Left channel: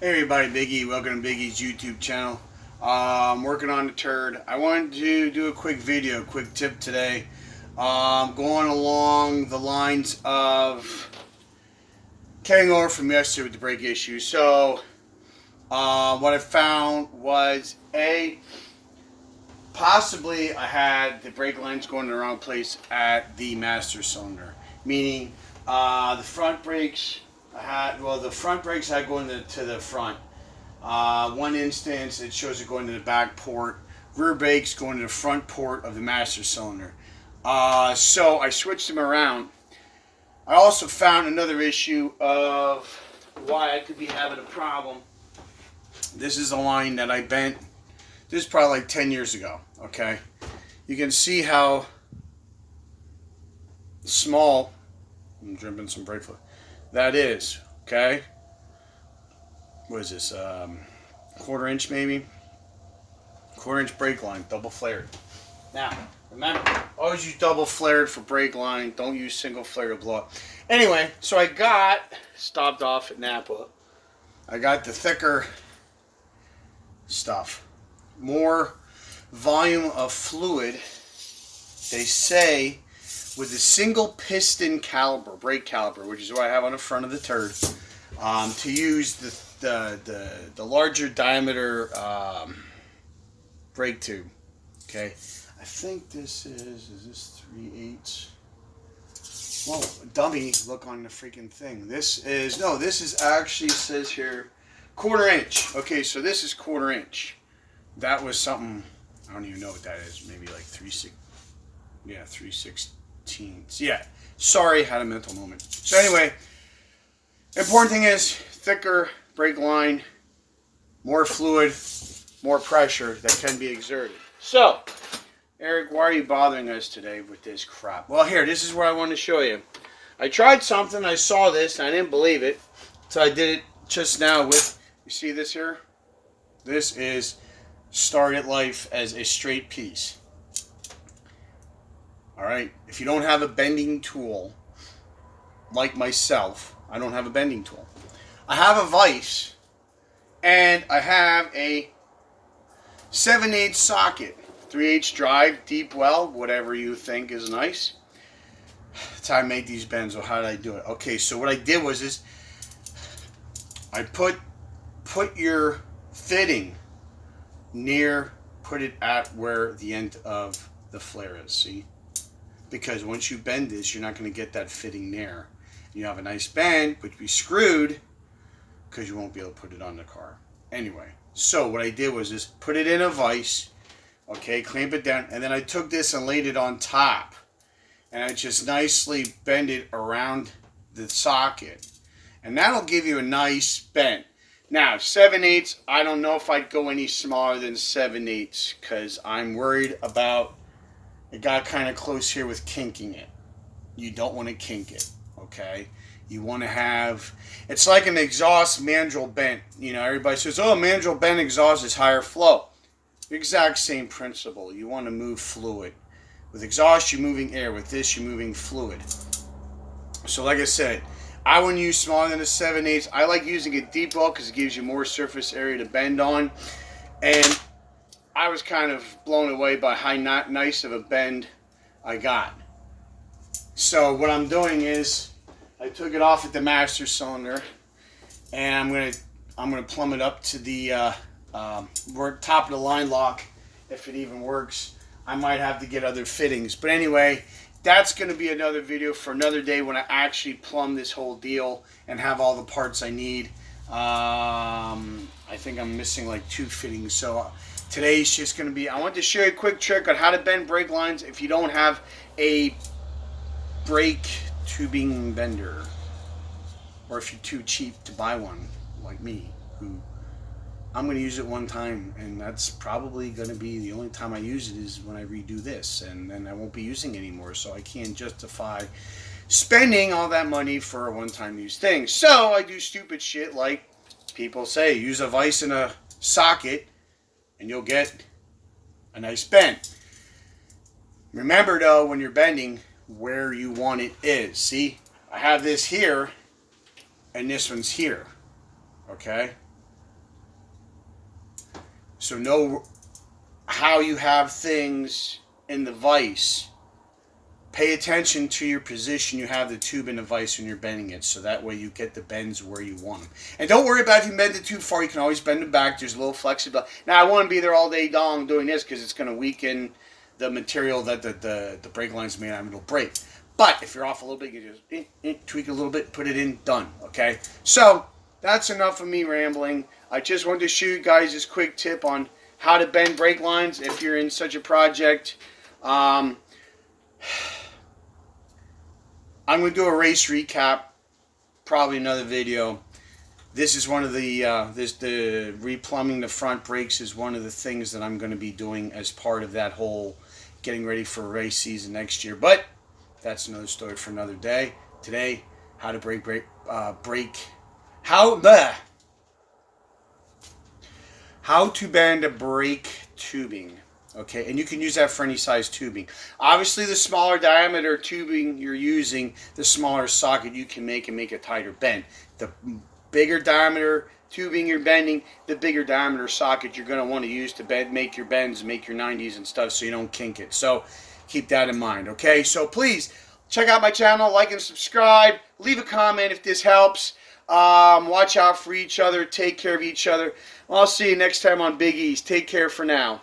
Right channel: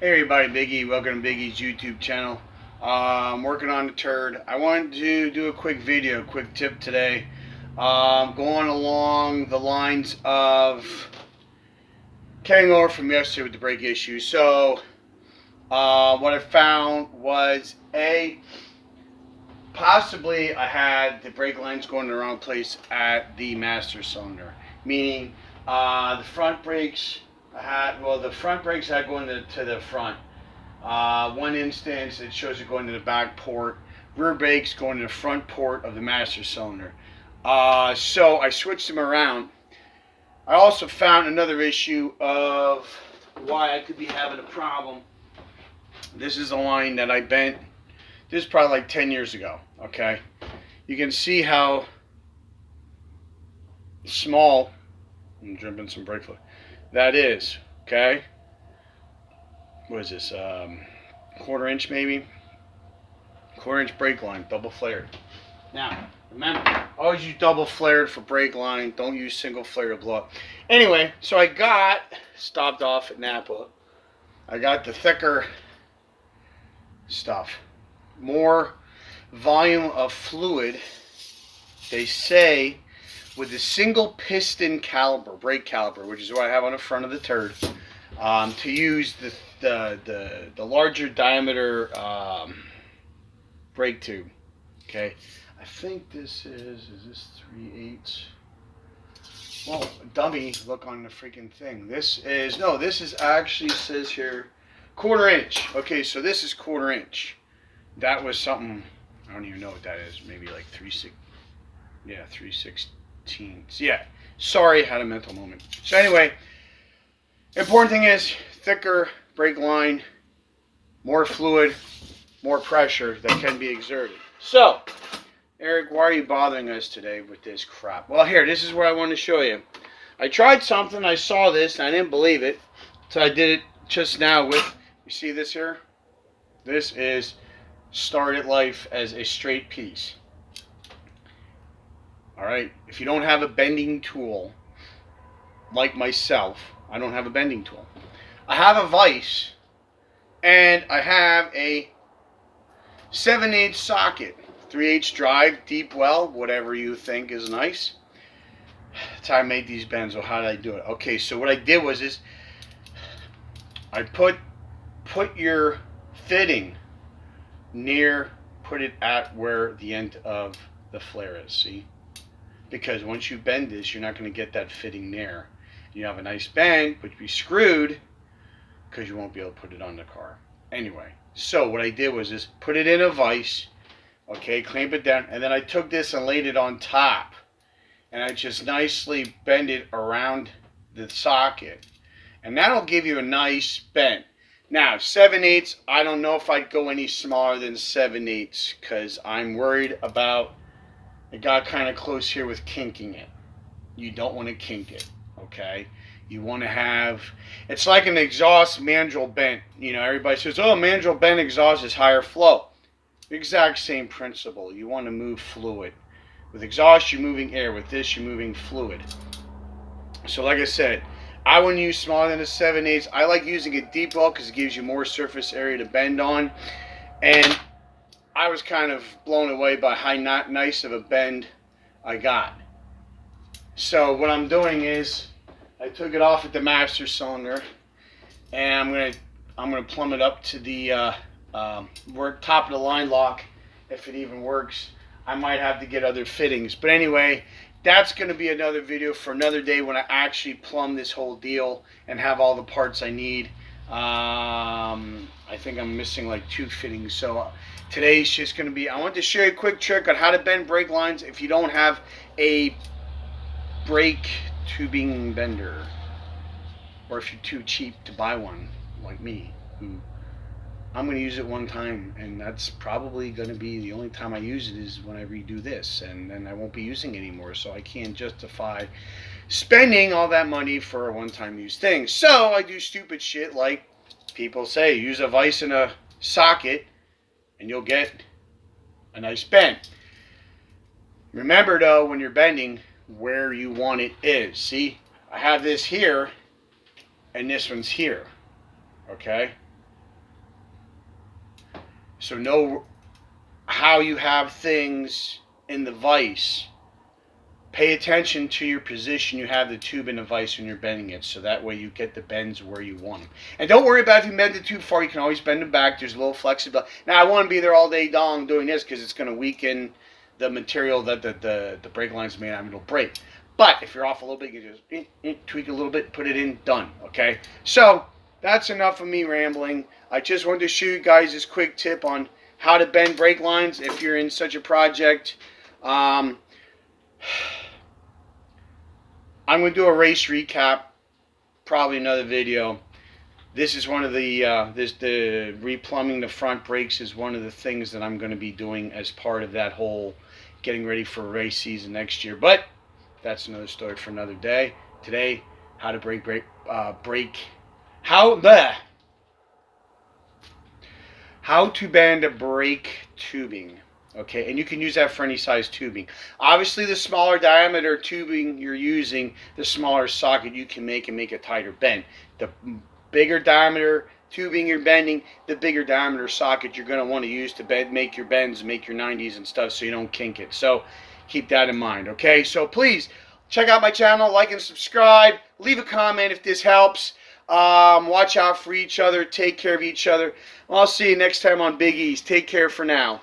Hey everybody, Big E. Welcome to Big E's YouTube channel. I'm working on the turd. I wanted to do a quick video, quick tip today. Going along the lines of carrying over from yesterday with the brake issue. So, what I found was possibly I had the brake lines going in the wrong place at the master cylinder. Meaning, the front brakes, the front brakes had going to the front. One instance, it shows it going to the back port. Rear brakes going to the front port of the master cylinder. So I switched them around. I also found another issue of why I could be having a problem. This is a line that I bent. This is probably like 10 years ago. Okay, you can see how small. I'm jumping some brake fluid. That is. Okay. What is this? Quarter inch maybe? Quarter inch brake line, double flared. Now, remember, always use double flared for brake line. Don't use single flare to blow up. Anyway, so stopped off at Napa. I got the thicker stuff. More volume of fluid. They say with a single piston caliper, brake caliper, which is what I have on the front of the turd, to use the larger diameter brake tube. Okay, I think this is this 3/8. Well, dummy, look on the freaking thing. This is actually, says here, quarter inch. Okay, so this is quarter inch. That was something, I don't even know what that is. Maybe like 3/16. Yeah, sorry, had a mental moment. So anyway, important thing is thicker brake line, more fluid, more pressure that can be exerted. So, Eric, why are you bothering us today with this crap? Well, here, this is what I want to show you. I tried something, I saw this, and I didn't believe it, so I did it just now with, you see this here? This is started life as a straight piece. Alright, if you don't have a bending tool, like myself, I don't have a bending tool. I have a vise, and I have a 7/8 socket, 3/8 drive, deep well, whatever you think is nice. That's how I made these bends. Or how did I do it? Okay, so what I did was I put your fitting put it at where the end of the flare is. See, because once you bend this, you're not going to get that fitting there. You have a nice bend, but you'll be screwed because you won't be able to put it on the car. Anyway, so what I did was put it in a vise, okay, clamp it down, and then I took this and laid it on top, and I just nicely bend it around the socket, and that'll give you a nice bend. Now, 7/8, I don't know if I'd go any smaller than 7/8 because I'm worried about, it got kind of close here with kinking it. You don't want to kink it, okay? You want to have, it's like an exhaust mandrel bent. You know, everybody says, oh, mandrel bent exhaust is higher flow. Exact same principle. You want to move fluid. With exhaust, you're moving air. With this, you're moving fluid. So like I said, I wouldn't use smaller than a 7/8. I like using a deep well because it gives you more surface area to bend on. And I was kind of blown away by how not nice of a bend I got. So what I'm doing is I took it off at the master cylinder, and I'm gonna plumb it up to the top of the line lock, if it even works. I might have to get other fittings, but anyway, that's going to be another video for another day when I actually plumb this whole deal and have all the parts I need. I think I'm missing like 2 fittings, so today's just going to be, I want to show you a quick trick on how to bend brake lines if you don't have a brake tubing bender, or if you're too cheap to buy one like me, who I'm going to use it one time, and that's probably going to be the only time I use it is when I redo this, and then I won't be using it anymore, so I can't justify spending all that money for a one-time use thing. So I do stupid shit like people say, use a vise and a socket and you'll get a nice bend. Remember though, when you're bending, where you want it is. See, I have this here and this one's here, okay? So know how you have things in the vise. Pay attention to your position you have the tube in the vise when you're bending it, so that way you get the bends where you want them. And don't worry about if you bend it too far. You can always bend them back. There's a little flexibility. Now, I won't be there all day long doing this because it's going to weaken the material that the brake line's made out of. It'll break. But if you're off a little bit, you just tweak a little bit, put it in, done. Okay? So that's enough of me rambling. I just wanted to show you guys this quick tip on how to bend brake lines if you're in such a project. I'm going to do a race recap, probably another video. This is one of the, the replumbing the front brakes is one of the things that I'm going to be doing as part of that whole getting ready for race season next year. But that's another story for another day. Today, how to how to bend a brake tubing. Okay, and you can use that for any size tubing. Obviously, the smaller diameter tubing you're using, the smaller socket you can make and make a tighter bend. The bigger diameter tubing you're bending, the bigger diameter socket you're going to want to use to make your bends, make your 90s and stuff so you don't kink it. So keep that in mind, okay? So please, check out my channel, like and subscribe. Leave a comment if this helps. Watch out for each other. Take care of each other. I'll see you next time on Big E's. Take care for now.